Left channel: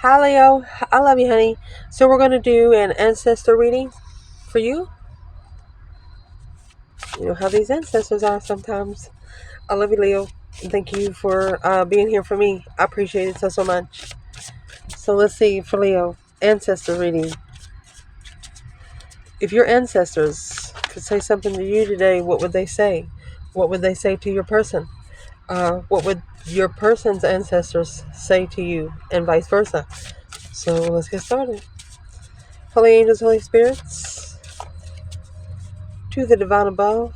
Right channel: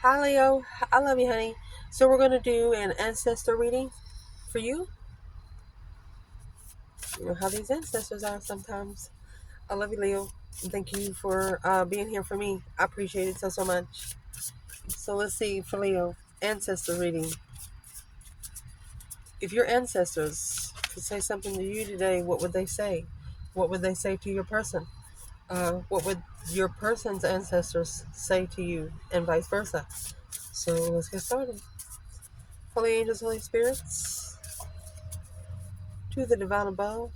Hi, Leo. I love you, honey. So we're going to do an ancestor reading for you. You know how these ancestors are sometimes. I love you, Leo. And thank you for being here for me. I appreciate it so much. So let's see for Leo. Ancestor reading. If your ancestors could say something to you today, what would they say? What would they say to your person? What would your person's ancestors say to you, and vice versa? So let's get started. Holy angels, Holy spirits, to the divine above,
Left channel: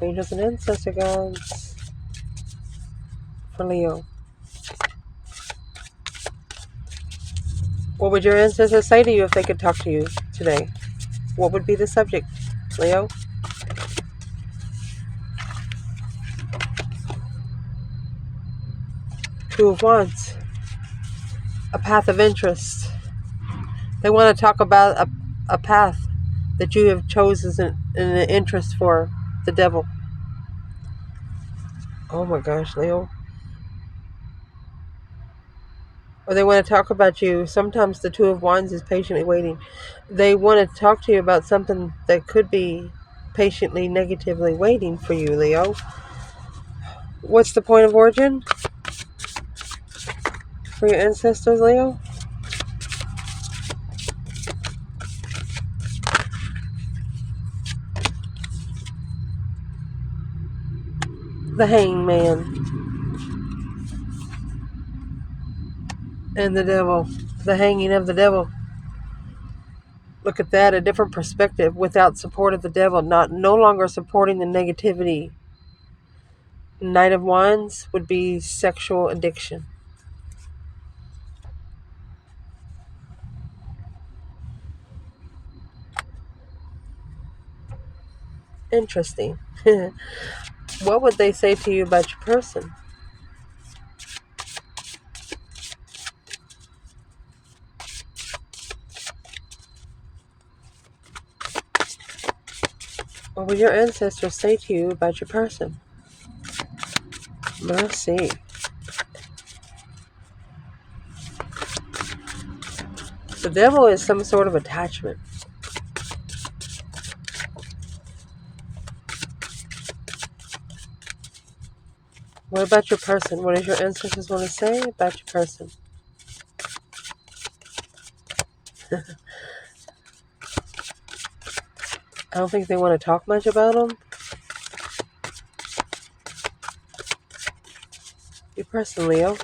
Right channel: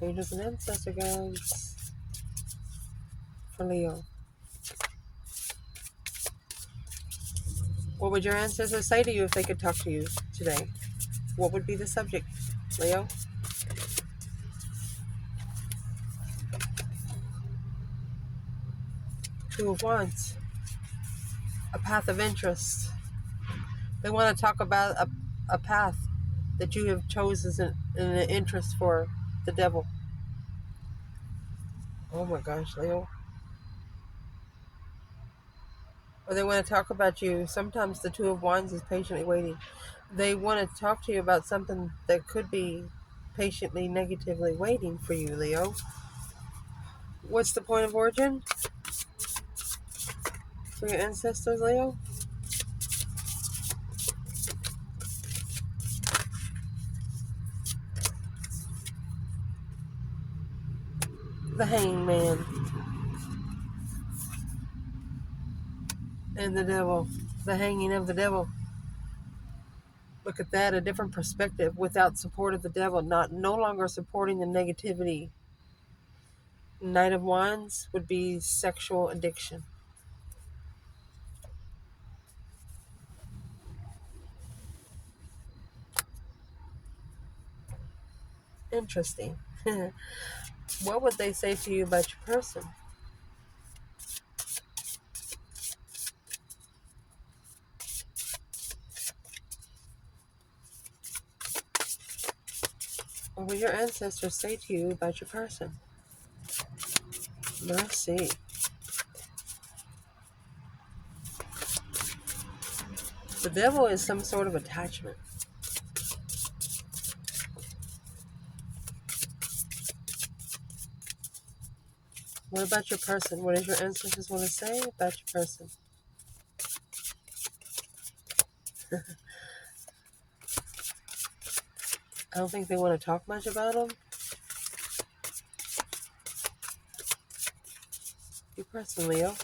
angels and ancestor guides for Leo. What would your ancestors say to you if they could talk to you today? What would be the subject, Leo? Two of Wands, a path of interest. They want to talk about a path that you have chosen in an interest for the devil. Oh my gosh, Leo. Or they want to talk about you. Sometimes the Two of Wands is patiently waiting. They want to talk to you about something that could be patiently, negatively waiting for you, Leo. What's the point of origin for your ancestors, Leo? The Hangman and the devil. The hanging of the devil. Look at that, a different perspective without support of the devil, no longer supporting the negativity. Knight of Wands would be sexual addiction. Interesting. What would they say to you about your person? What would your ancestors say to you about your person? Let's see. The devil is some sort of attachment. What about your person? What does your ancestors want to say about your person? I don't think they want to talk much about them. Your person, Leo.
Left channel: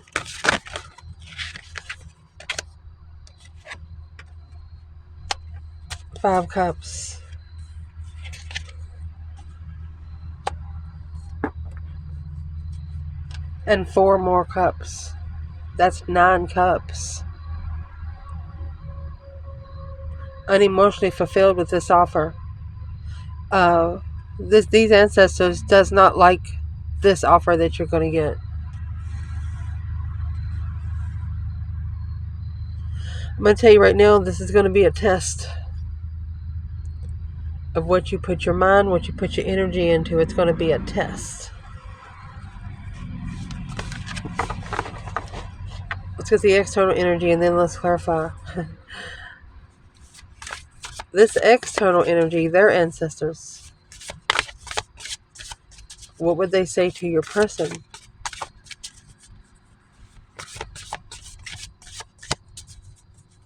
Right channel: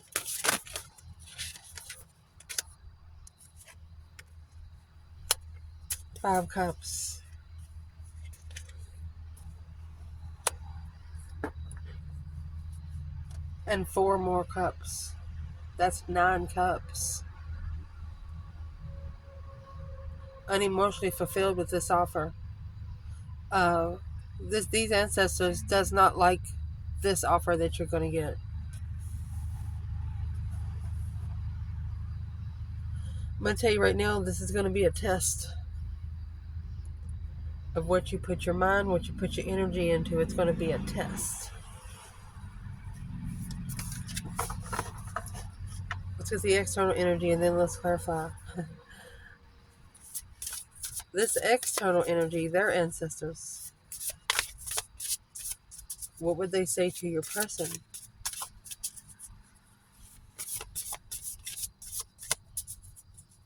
Five Cups. And four more cups. That's 9 cups. Unemotionally fulfilled with this offer. These ancestors does not like this offer that you're going to get. I'm going to tell you right now, this is going to be a test of what you put your mind, what you put your energy into. It's going to be a test. Let's get the external energy and then let's clarify. This external energy, their ancestors, what would they say to your person?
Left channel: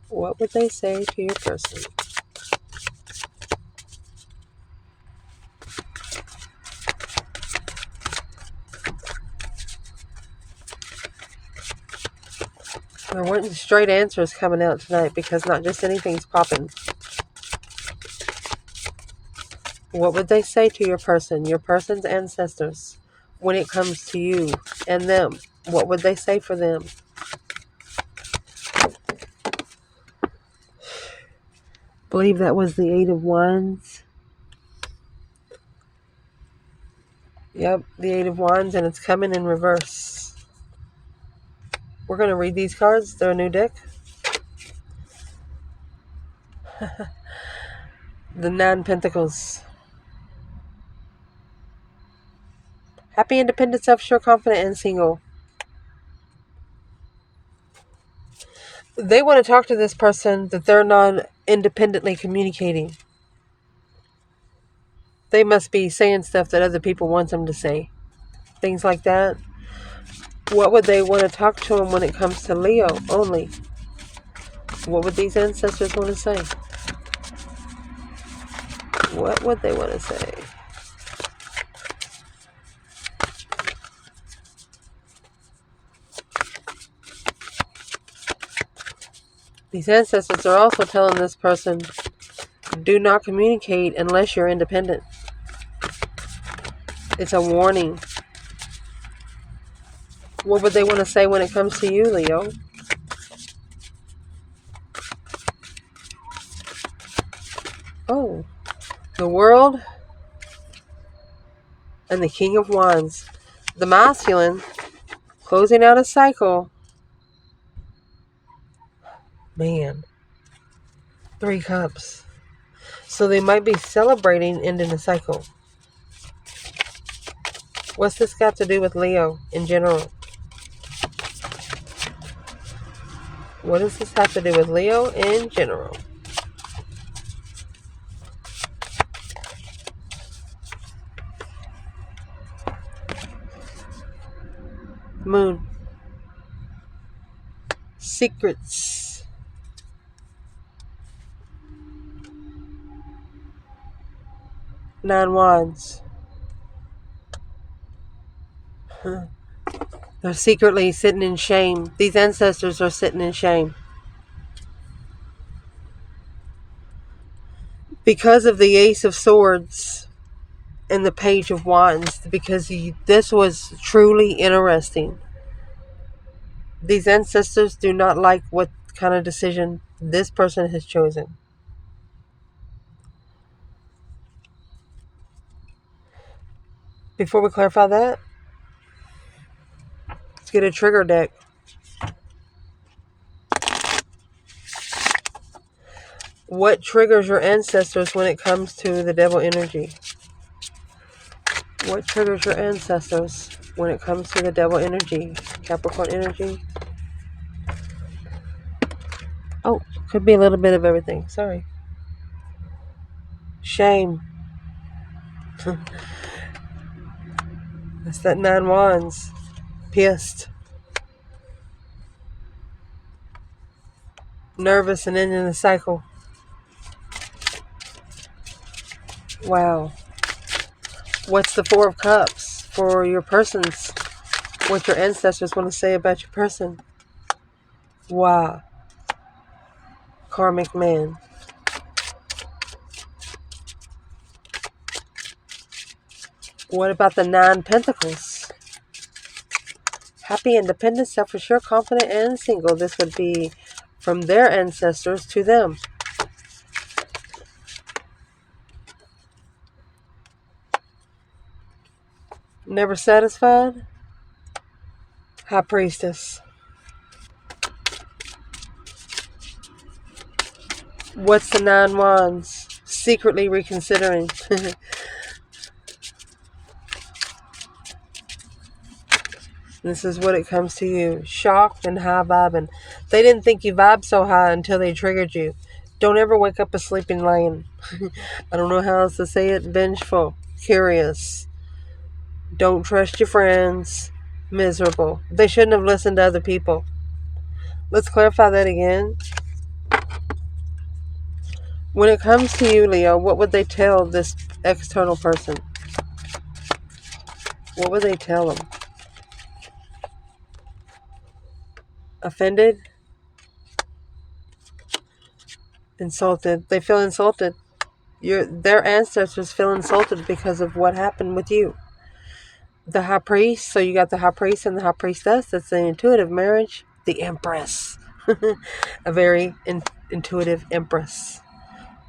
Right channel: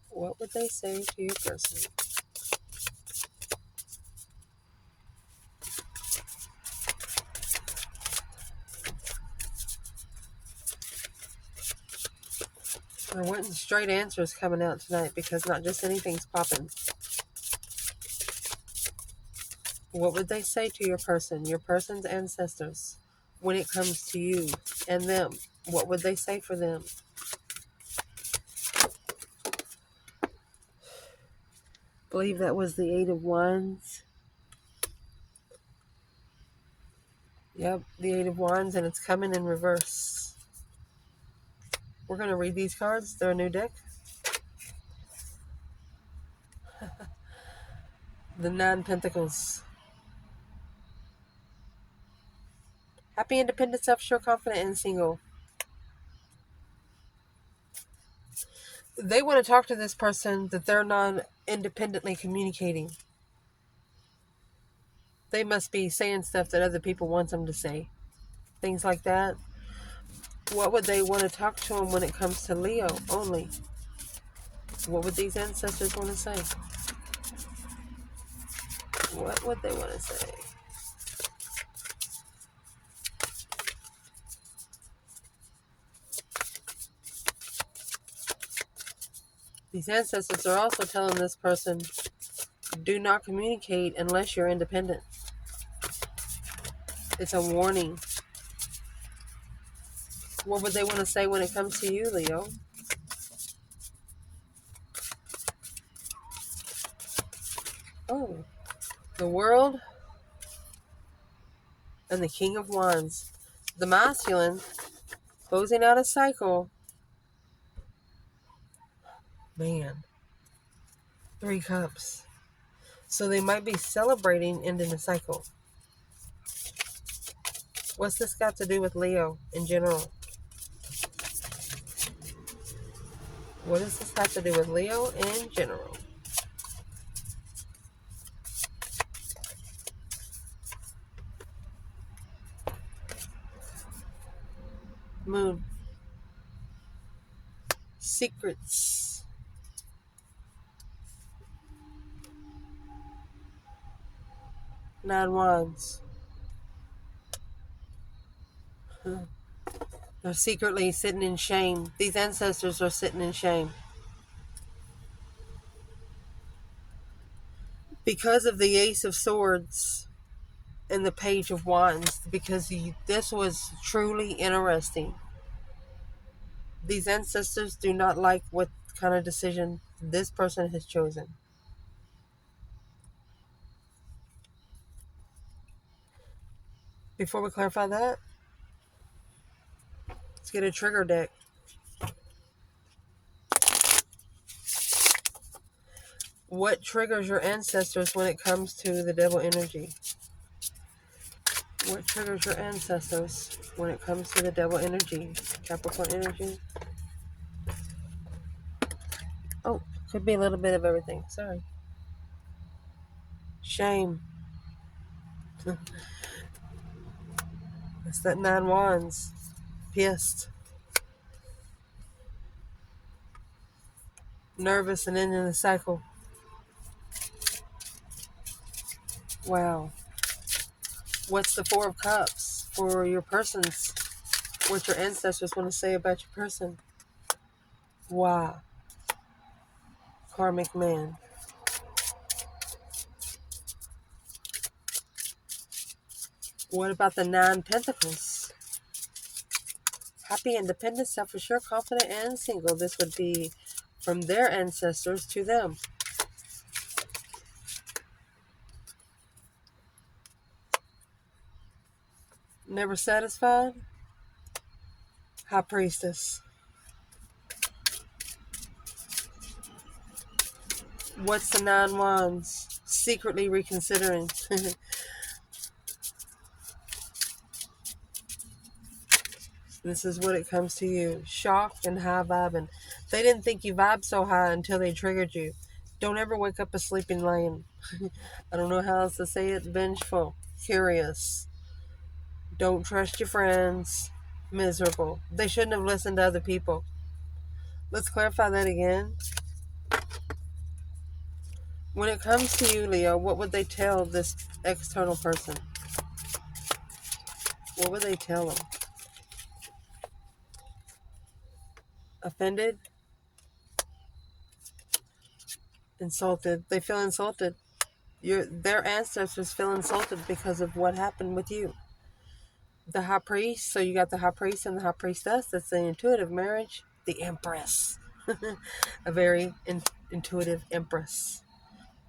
What would they say to your person? There weren't straight answers coming out tonight because not just anything's popping. What would they say to your person's ancestors, when it comes to you and them? What would they say for them? I believe that was the Eight of Wands. Yep, the Eight of Wands, and it's coming in reverse. We're going to read these cards. They're a new deck. The Nine Pentacles. Happy, independent, self-sure, confident, and single. They want to talk to this person that they're not independently communicating. They must be saying stuff that other people want them to say. Things like that. What would they want to talk to them when it comes to Leo only? What would these ancestors want to say? What would they want to say? These ancestors are also telling this person, do not communicate unless you're independent. It's a warning. What would they want to say when it comes to you, Leo? Oh, the world and the King of Wands. The masculine, closing out a cycle. Man, 3 cups. So they might be celebrating ending the cycle. What's this got to do with Leo in general? What does this have to do with Leo in general? Moon. Secrets. Nine Wands. They're secretly sitting in shame. These ancestors are sitting in shame. Because of the Ace of Swords and the Page of Wands. Because this was truly interesting. These ancestors do not like what kind of decision this person has chosen. Before we clarify that, let's get a trigger deck. What triggers your ancestors when it comes to the devil energy? What triggers your ancestors when it comes to the devil energy? Capricorn energy? Oh, could be a little bit of everything. Sorry. Shame. That's that 9 Wands. Pissed. Nervous and ending the cycle. Wow. What's the 4 of Cups for your persons? What your ancestors want to say about your person? Wow. Karmic man. What about the 9 Pentacles? Happy, independent, self-assured, confident, and single. This would be from their ancestors to them. Never satisfied? High Priestess. What's the 9 Wands? Secretly reconsidering. This is what it comes to you. Shocked and high vibing. They didn't think you vibed so high until they triggered you. Don't ever wake up a sleeping lion. I don't know how else to say it. Vengeful. Curious. Don't trust your friends. Miserable. They shouldn't have listened to other people. Let's clarify that again. When it comes to you, Leo, what would they tell this external person? What would they tell them? Offended? Insulted. They feel insulted. Their ancestors feel insulted because of what happened with you. The High Priest, so you got the High Priest and the High Priestess. That's the intuitive marriage. The Empress. A very intuitive Empress.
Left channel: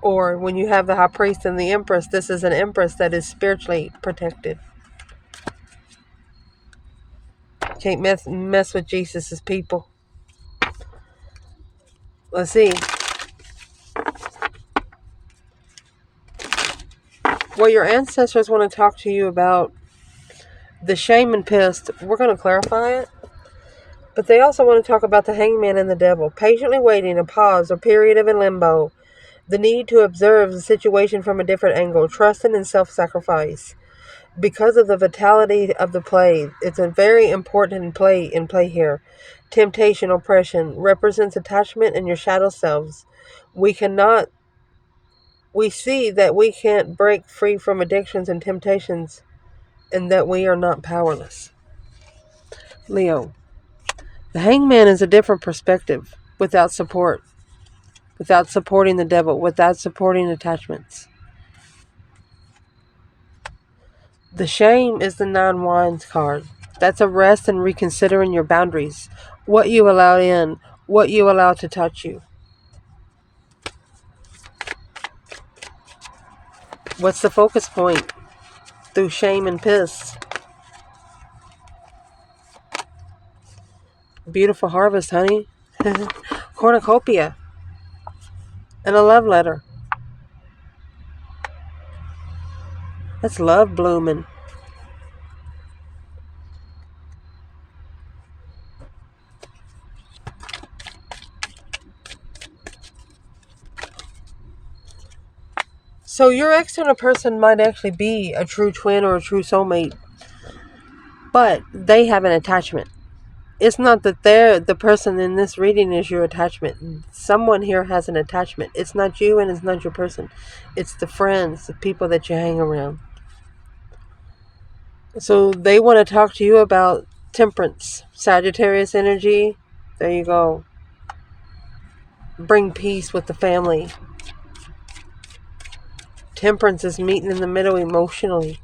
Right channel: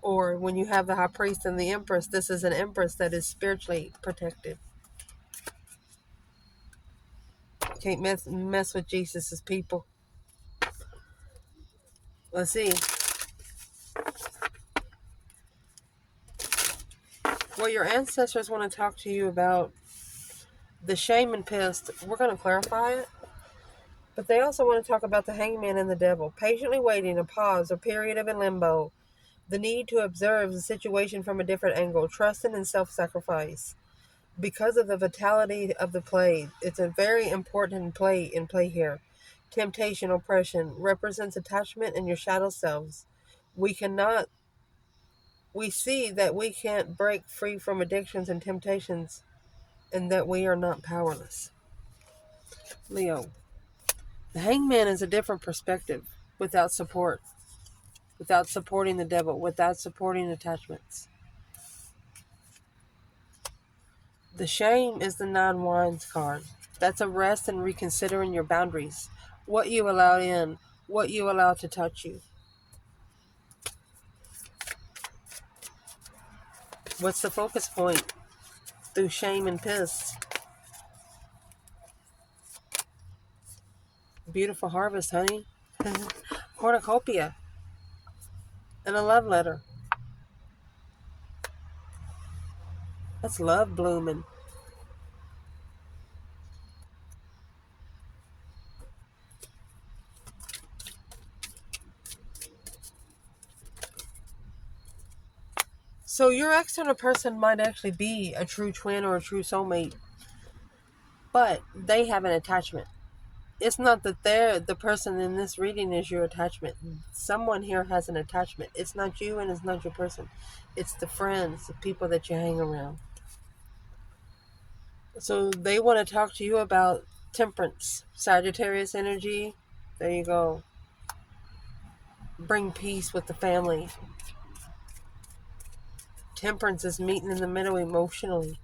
Or when you have the High Priest and the Empress, this is an Empress that is spiritually protected. Can't mess with Jesus' people. Let's see. Well, your ancestors want to talk to you about the shame and pissed. We're going to clarify it. But they also want to talk about the hangman and the devil. Patiently waiting, a pause or period of a limbo. The need to observe the situation from a different angle. Trusting and self-sacrifice. Because of the vitality of the play, it's a very important play here. Temptation, oppression, represents attachment and your shadow selves. We see that we can't break free from addictions and temptations, and that we are not powerless. Leo. The hangman is a different perspective, without support, without supporting the devil, without supporting attachments. The shame is the 9 wands card. That's a rest and reconsidering your boundaries, what you allow in, what you allow to touch you. What's the focus point? Through shame and piss. Beautiful harvest, honey. Cornucopia. And a love letter. That's love blooming. So your external person might actually be a true twin or a true soulmate, but they have an attachment. It's not that the person in this reading is your attachment. Someone here has an attachment. It's not you and it's not your person. It's the friends, the people that you hang around. So they want to talk to you about temperance, Sagittarius energy. There you go. Bring peace with the family. Temperance is meeting in the middle emotionally.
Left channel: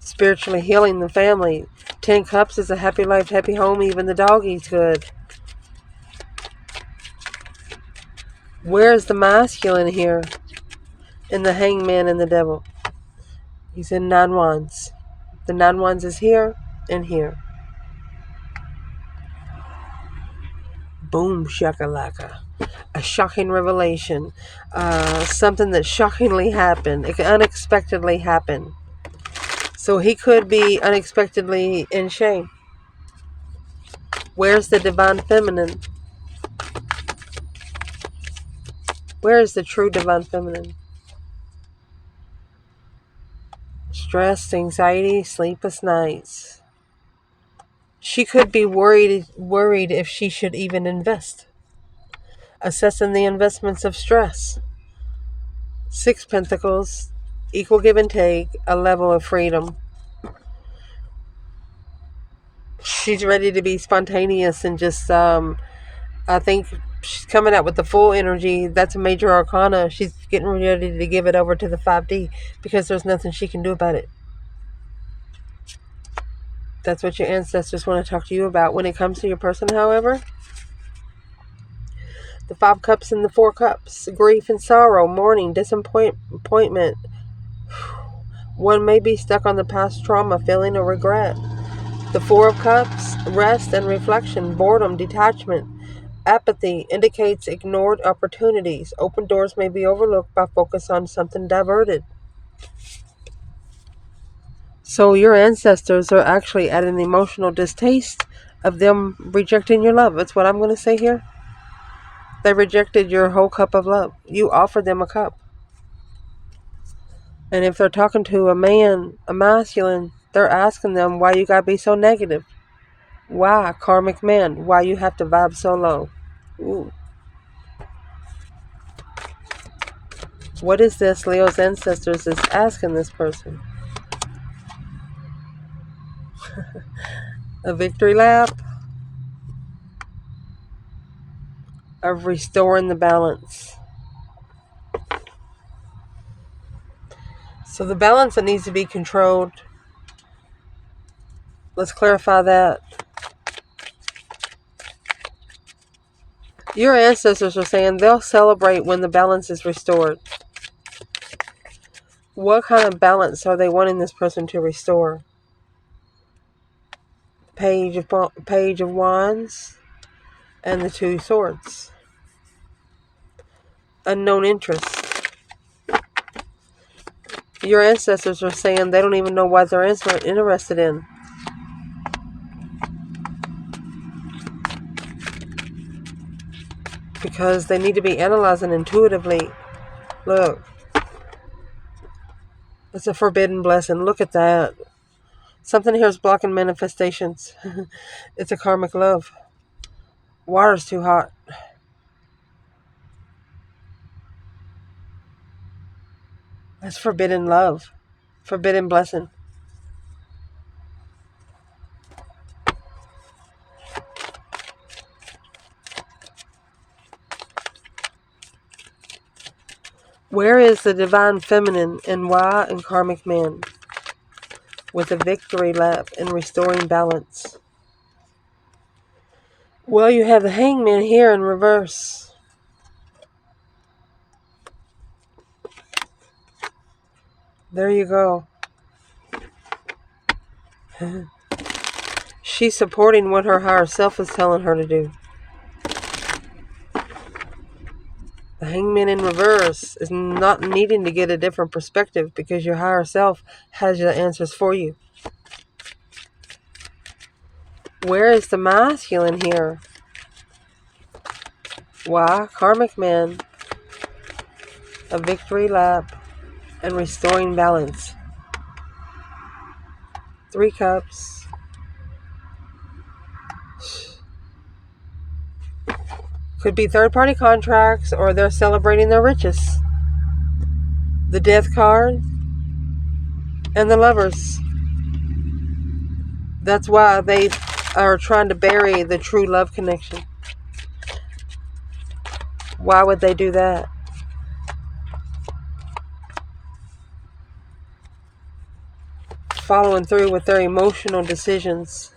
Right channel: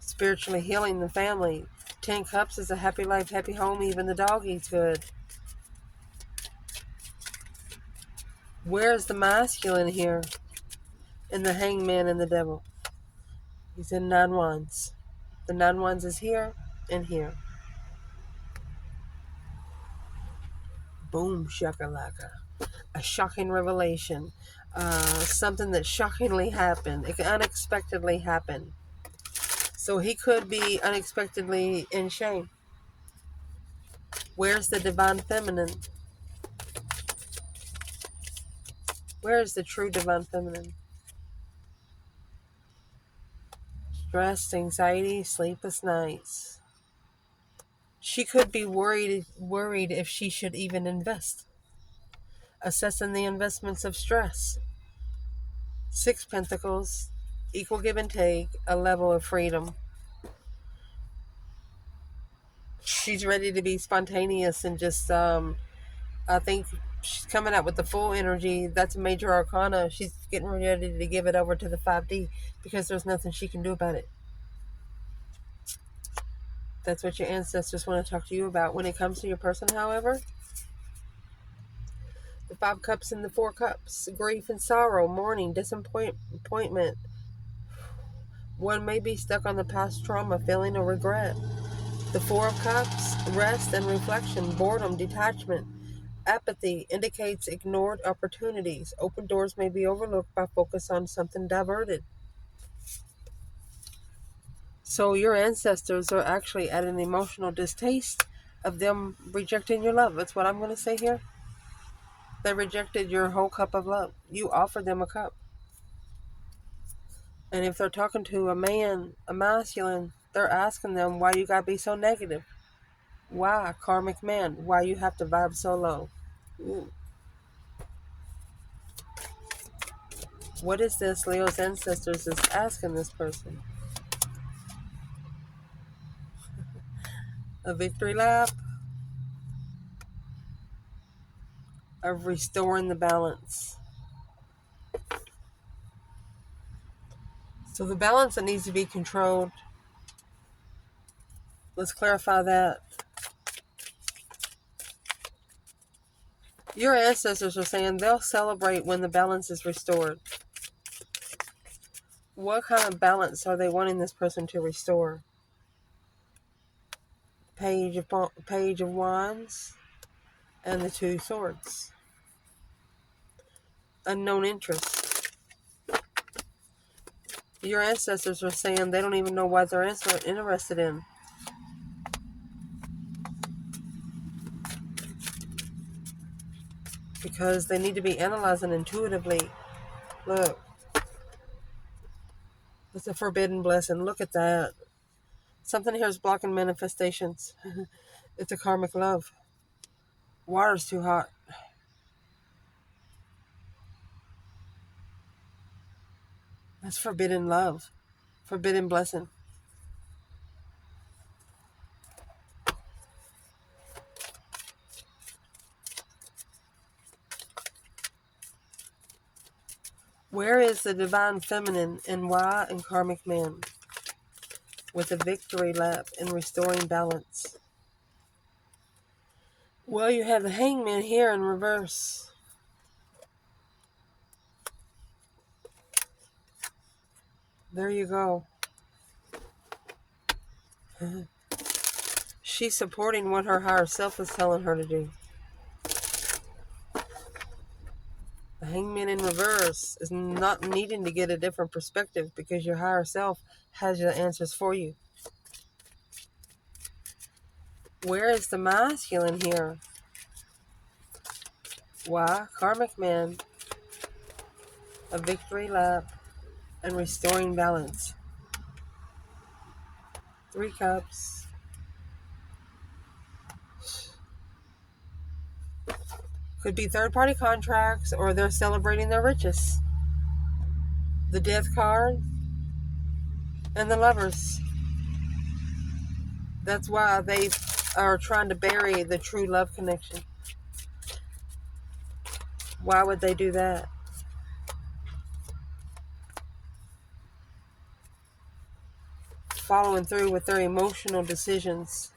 Spiritually healing the family. 10 cups is a happy life, happy home. Even the dog eats good. Where's the masculine here? In the hangman and the devil. He's in 9 wands. The 9 wands is here and here. Boom shakalaka. A shocking revelation. Something that shockingly happened. It unexpectedly happened. So he could be unexpectedly in shame. Where's the divine feminine? Where is the true divine feminine? Stress, anxiety, sleepless nights. She could be worried if she should even invest. Assessing the investments of stress. 6 pentacles, equal give and take, a level of freedom. She's ready to be spontaneous and just, I think she's coming out with the full energy. That's a major arcana. She's getting ready to give it over to the 5D because there's nothing she can do about it. That's what your ancestors want to talk to you about. When it comes to your person, however, the 5 cups and the 4 cups, grief and sorrow, mourning, disappointment. One may be stuck on the past trauma, feeling a regret. The 4 of cups, rest and reflection, boredom, detachment. Apathy indicates ignored opportunities. Open doors may be overlooked by focus on something diverted. So your ancestors are actually at an emotional distaste of them rejecting your love. That's what I'm going to say here. They rejected your whole cup of love. You offered them a cup. And if they're talking to a man, a masculine, they're asking them why you got to be so negative. Why, karmic man? Why you have to vibe so low? Ooh. What is this Leo's ancestors is asking this person? A victory lap of restoring the balance. So the balance that needs to be controlled, let's clarify that. Your ancestors are saying they'll celebrate when the balance is restored. What kind of balance are they wanting this person to restore? Page of Wands and the 2 swords. Unknown interest. Your ancestors are saying they don't even know what they're interested in. because they need to be analyzing intuitively. Look, it's a forbidden blessing. Look at that. Something here is blocking manifestations. It's a karmic love. Water's too hot. That's forbidden love. Forbidden blessing. Where is the divine feminine and why in karmic man? With a victory lap and restoring balance. Well, you have the hangman here in reverse. There you go. She's supporting what her higher self is telling her to do. The hangman in reverse is not needing to get a different perspective because your higher self has your answers for you. Where is the masculine here? Why? Karmic man. A victory lap and restoring balance. 3 cups. Could be third-party contracts or they're celebrating their riches. The death card and the lovers. That's why they are trying to bury the true love connection. Why would they do that? Following through with their emotional decisions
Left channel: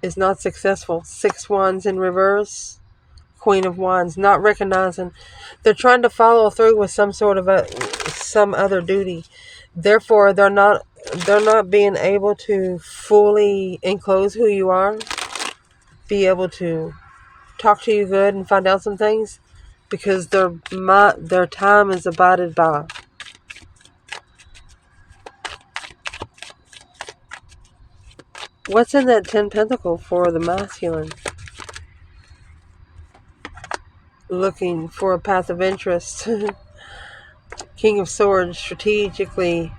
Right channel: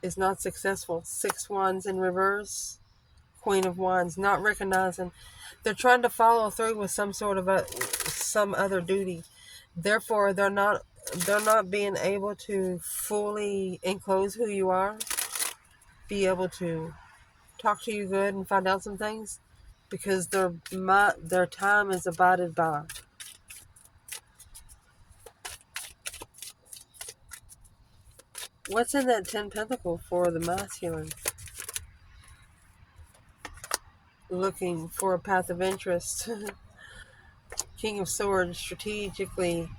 is not successful. 6 wands in reverse. Queen of Wands, not recognizing. They're trying to follow through with some sort of some other duty. Therefore, they're not being able to fully enclose who you are, be able to talk to you good and find out some things because their time is abided by. What's in that 10 pentacle for the masculine? Looking for a path of interest. King of Swords, strategically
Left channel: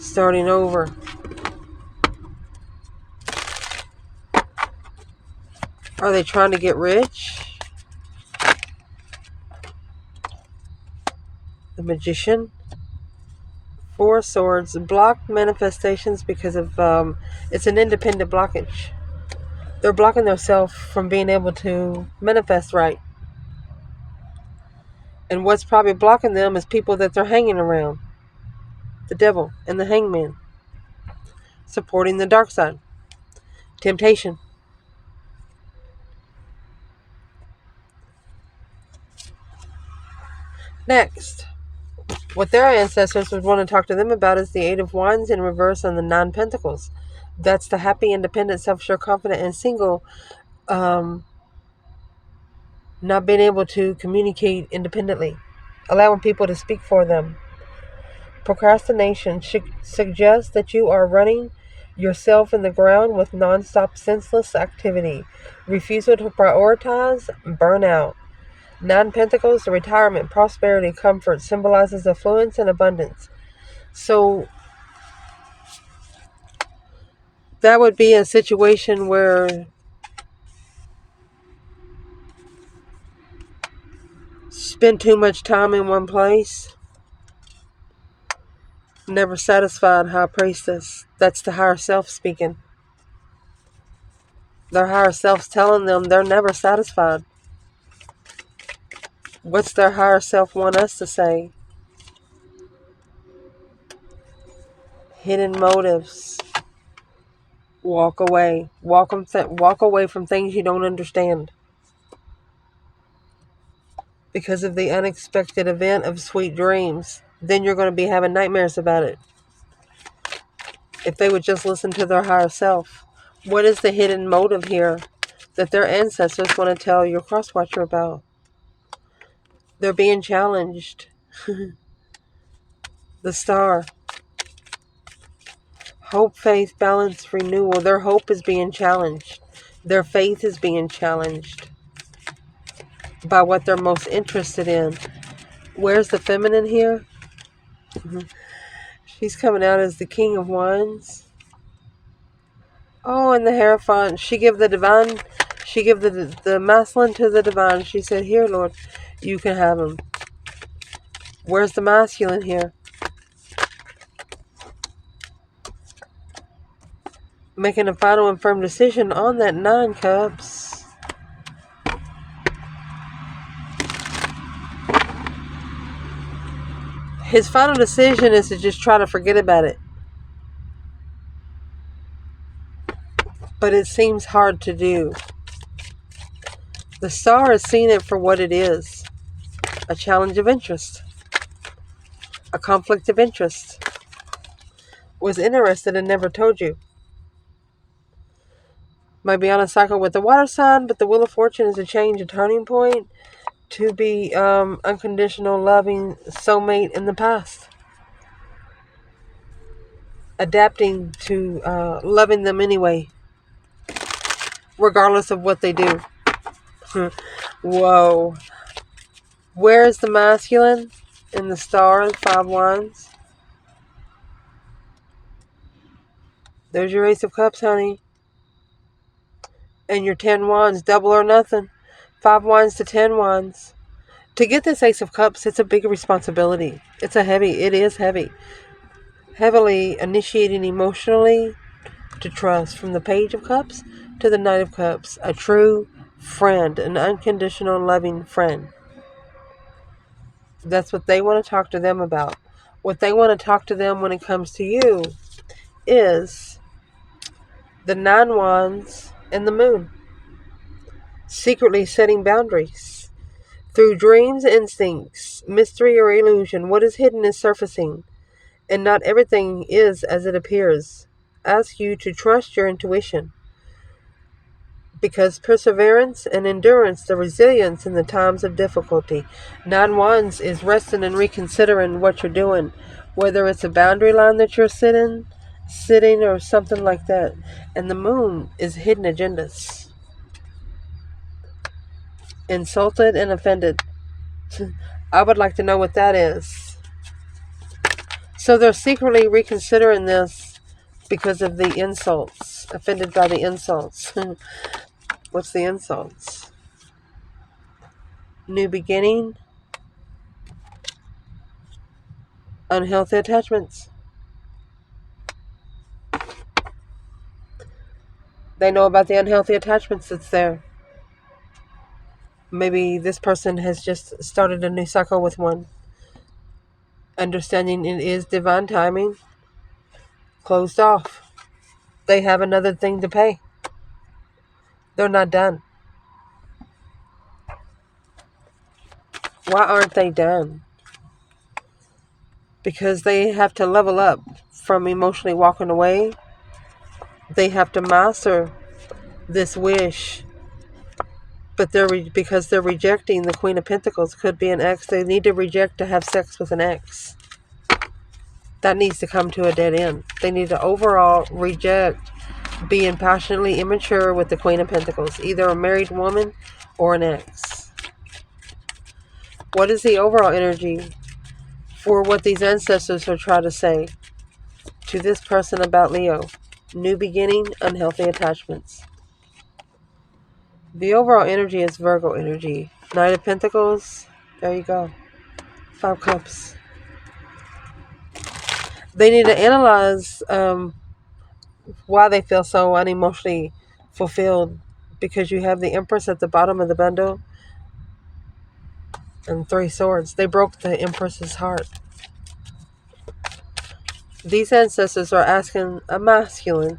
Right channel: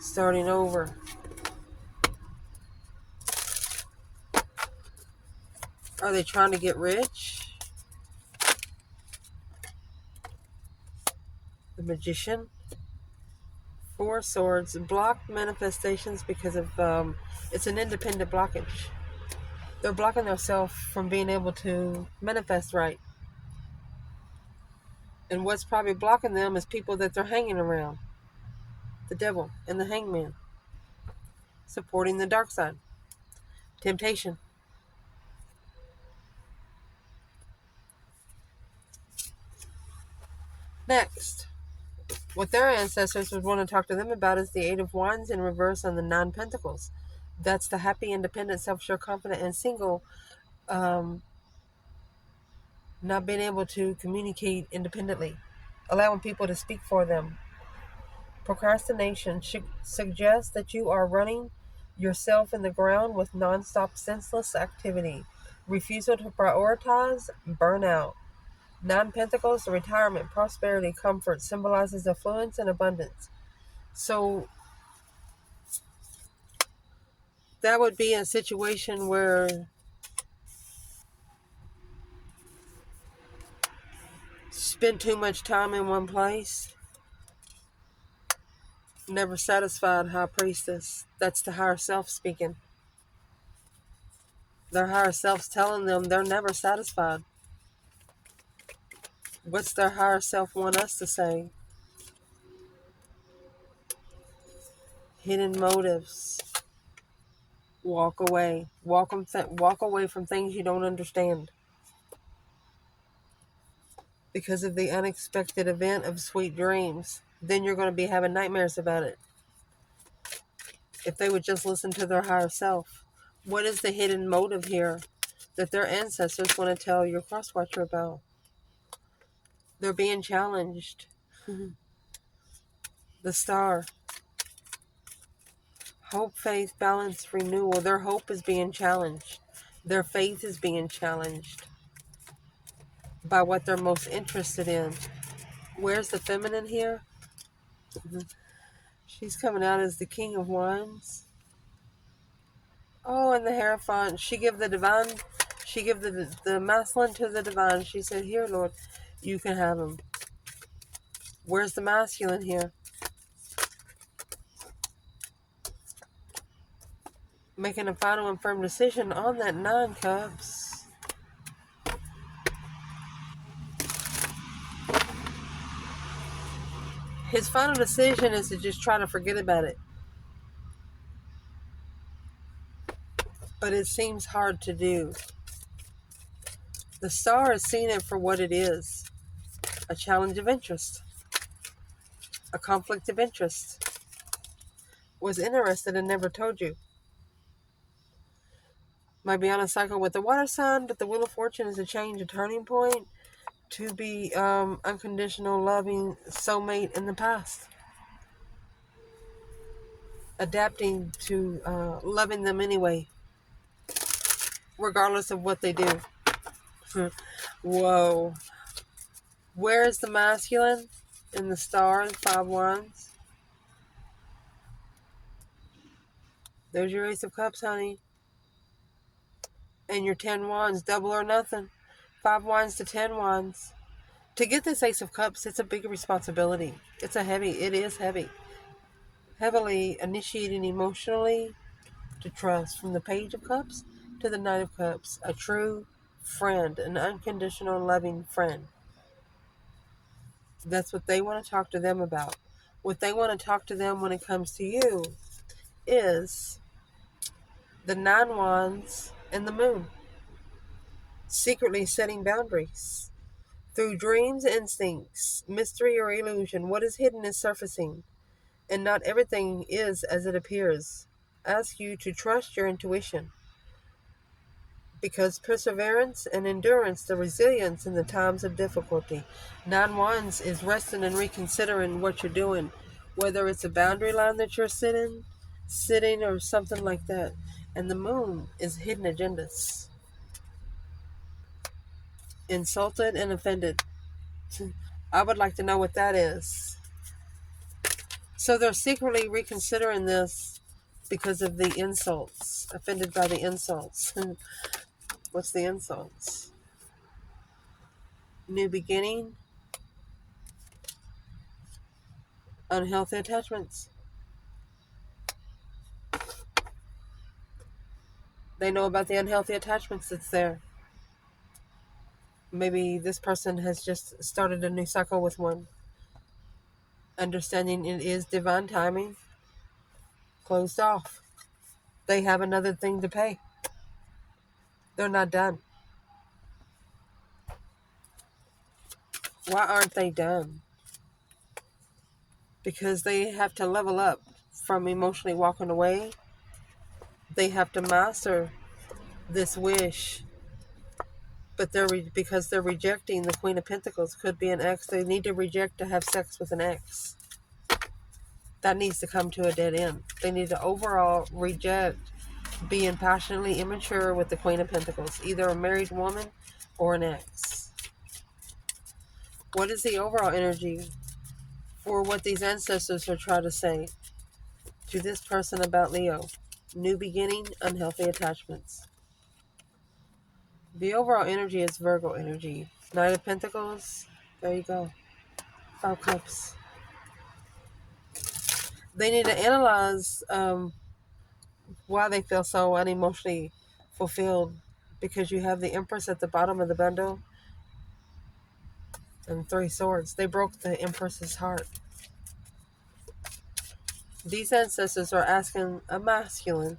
starting over. Are they trying to get rich? The Magician. 4 swords. Blocked manifestations because of it's an independent blockage. They're blocking themselves from being able to manifest right. And what's probably blocking them is people that they're hanging around. The devil and the hangman. Supporting the dark side. Temptation. Next, what their ancestors would want to talk to them about is the 8 of Wands in reverse and the 9 Pentacles. That's the happy, independent, self-sure, confident, and single. Not being able to communicate independently. Allowing people to speak for them. Procrastination suggests that you are running yourself in the ground with non-stop senseless activity. Refusal to prioritize, burnout. 9 Pentacles, the retirement, prosperity, comfort, symbolizes affluence and abundance. So that would be a situation where spend too much time in one place. Never satisfied, high priestess. That's the higher self speaking. Their higher self's telling them they're never satisfied. What's their higher self want us to say? Hidden motives. Walk away. Walk away from things you don't understand. Because of the unexpected event of sweet dreams. Then you're going to be having nightmares about it. If they would just listen to their higher self. What is the hidden motive here that their ancestors want to tell your crosswatcher about? They're being challenged. The Star. Hope, faith, balance, renewal. Their hope is being challenged. Their faith is being challenged. by what they're most interested in. Where's the feminine here? She's coming out as the King of Wands. Oh, and the Hierophant. She give the divine, she give the masculine to the divine. She said, here, Lord, you can have him. Where's the masculine here? Making a final and firm decision on that 9 cups. His final decision is to just try to forget about it. But it seems hard to do. The Star has seen it for what it is. A challenge of interest. A conflict of interest. Was interested and never told you. Might be on a cycle with the water sign, but the Wheel of Fortune is a change, a turning point to be unconditional, loving soulmate in the past. Adapting to loving them anyway, regardless of what they do. Whoa. Where is the masculine in the Star, 5 Wands? There's your Ace of Cups, honey. And your 10 Wands, double or nothing. 5 Wands to 10 Wands. To get this Ace of Cups, it's a big responsibility. It is heavy. Heavily initiating emotionally to trust. From the Page of Cups to the Knight of Cups. A true friend, an unconditional loving friend. That's what they want to talk to them about. What they want to talk to them when it comes to you is the 9 Wands and the Moon. Secretly setting boundaries. Through dreams, instincts, mystery or illusion, what is hidden is surfacing. And not everything is as it appears. Ask you to trust your intuition. Because perseverance and endurance, the resilience in the times of difficulty. 9 Wands is resting and reconsidering what you're doing. Whether it's a boundary line that you're sitting or something like that. And the Moon is hidden agendas. Insulted and offended. I would like to know what that is. So they're secretly reconsidering this because of the insults. Offended by the insults. What's the insults? New beginning. Unhealthy attachments. They know about the unhealthy attachments that's there. Maybe this person has just started a new cycle with one. Understanding it is divine timing. Closed off. They have another thing to pay. They're not done. Why aren't they done? Because they have to level up from emotionally walking away. They have to master this wish. But because they're rejecting the Queen of Pentacles. Could be an ex. They need to reject to have sex with an ex. That needs to come to a dead end. They need to overall reject being passionately immature with the Queen of Pentacles. Either a married woman or an ex. What is the overall energy for what these ancestors are trying to say to this person about Leo? New beginning, unhealthy attachments. The overall energy is Virgo energy. Knight of Pentacles. There you go. 5 Cups. They need to analyze why they feel so unemotionally fulfilled. Because you have the Empress at the bottom of the bundle. And 3 Swords. They broke the Empress's heart. These ancestors are asking a masculine,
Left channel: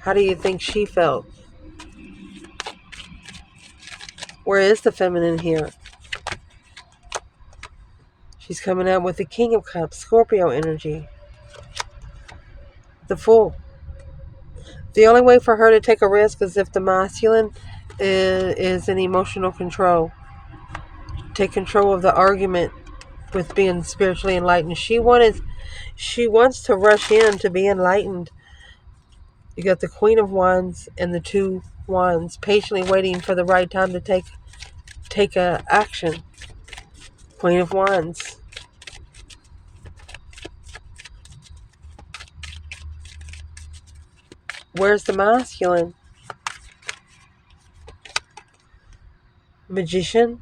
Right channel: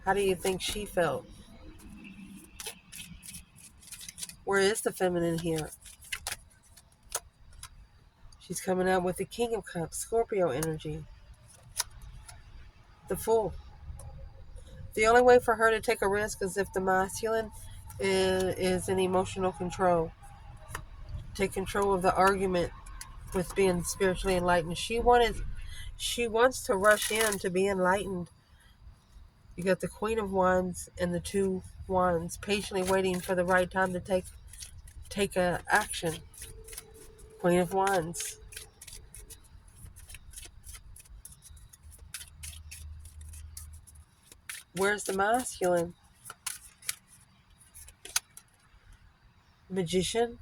how do you think she felt? Where is the feminine here? She's coming out with the King of Cups, Scorpio energy. The Fool. The only way for her to take a risk is if the masculine is in emotional control. Take control of the argument with being spiritually enlightened. She wants to rush in to be enlightened. You got the Queen of Wands and the 2 Wands, patiently waiting for the right time to take a action. Queen of Wands. Where's the masculine? Magician.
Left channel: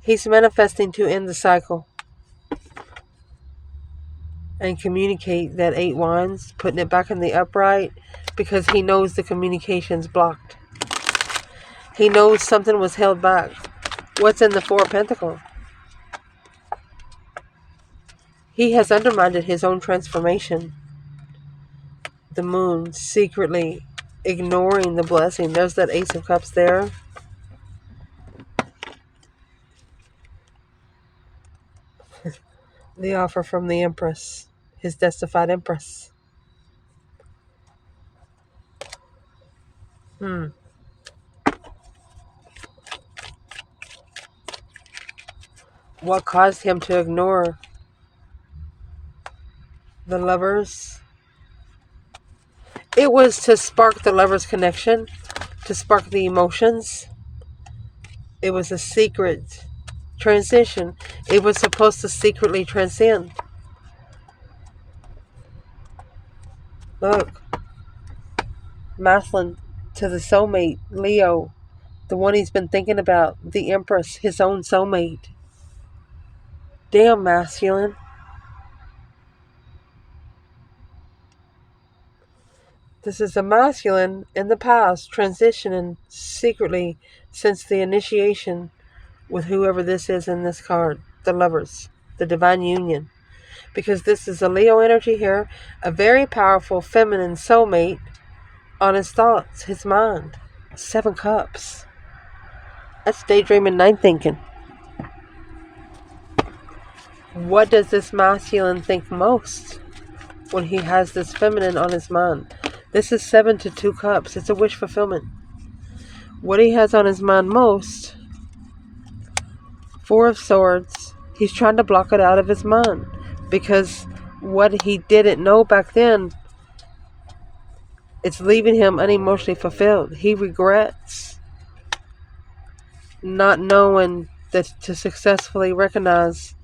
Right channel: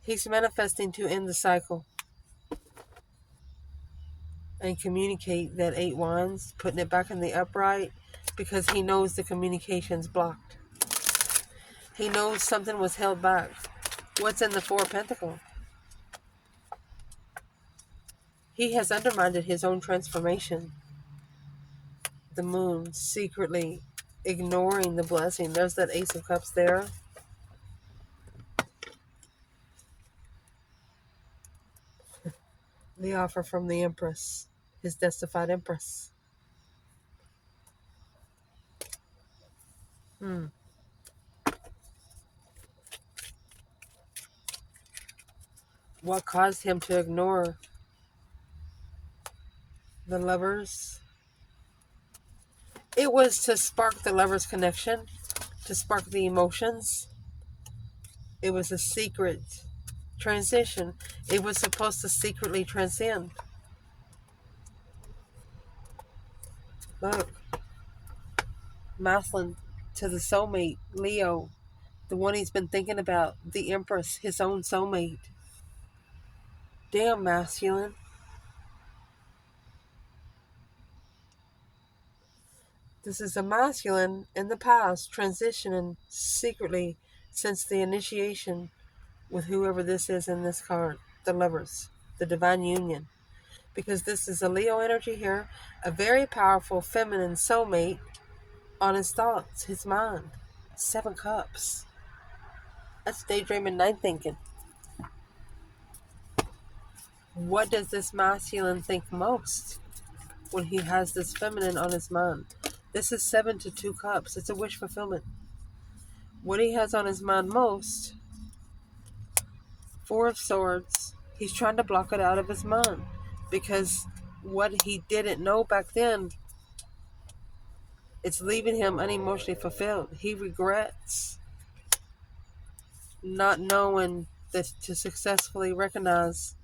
He's manifesting to end the cycle and communicate that 8 wands, putting it back in the upright because he knows the communication's blocked. He knows something was held back. What's in the 4 of Pentacles? He has undermined his own transformation. The moon, secretly ignoring the blessing. There's that Ace of Cups there. The offer from the Empress, his deified Empress. What caused him to ignore the Lovers? It was to spark the Lovers' connection, to spark the emotions. It was a secret transition. It was supposed to secretly transcend. Look, masculine to the soulmate, Leo, the one he's been thinking about, the Empress, his own soulmate. Damn, masculine. This is a masculine in the past, transitioning secretly since the initiation with whoever this is in this card, the Lovers, the divine union. Because this is a Leo energy here, a very powerful feminine soulmate on his thoughts, his mind. 7 cups. That's daydreaming, night thinking. What does this masculine think most when he has this feminine on his mind? This is 7 to 2 cups. It's a wish fulfillment. What he has on his mind most, 4 of Swords, he's trying to block it out of his mind. Because what he didn't know back then, it's leaving him unemotionally fulfilled. He regrets not knowing that to successfully recognize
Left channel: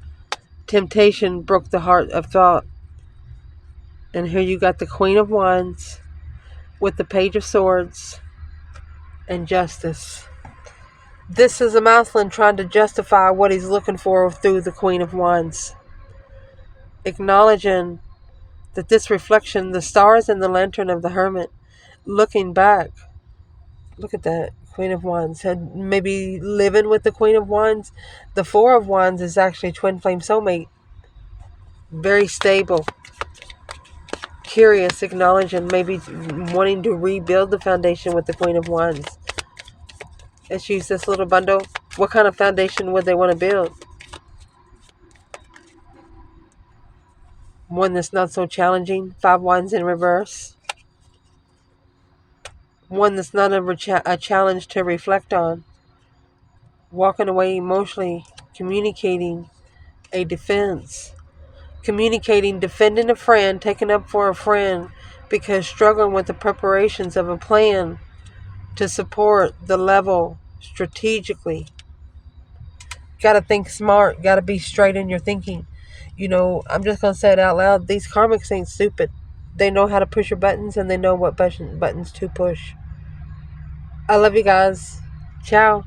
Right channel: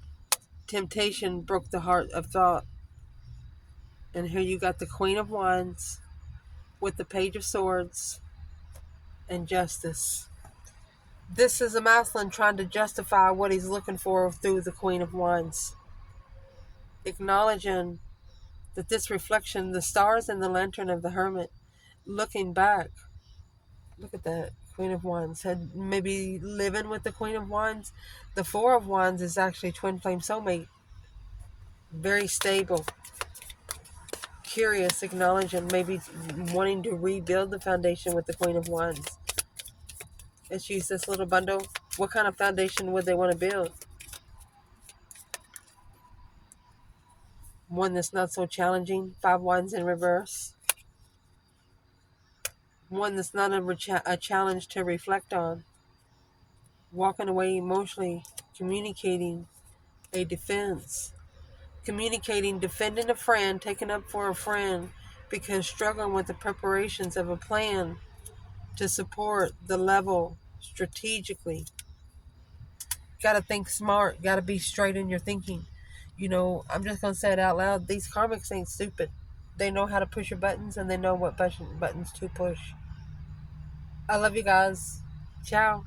temptation broke the heart of thought. And here you got the Queen of Wands with the Page of Swords and Justice. This is a masculine trying to justify what he's looking for through the Queen of Wands. Acknowledging that this reflection, the stars and the lantern of the Hermit, looking back, look at that, Queen of Wands, and maybe living with the Queen of Wands. The 4 of Wands is actually twin flame soulmate. Very stable. Curious, acknowledging, maybe wanting to rebuild the foundation with the Queen of Wands. Let's use this little bundle. What kind of foundation would they want to build? One that's not so challenging. 5 Wands in reverse. One that's not a challenge to reflect on. Walking away emotionally, communicating a defense. Communicating, defending a friend, taking up for a friend because struggling with the preparations of a plan to support the level strategically. Got to think smart. Got to be straight in your thinking. You know, I'm just going to say it out loud. These karmics ain't stupid. They know how to push your buttons and they know what buttons to push. I love you guys. Ciao.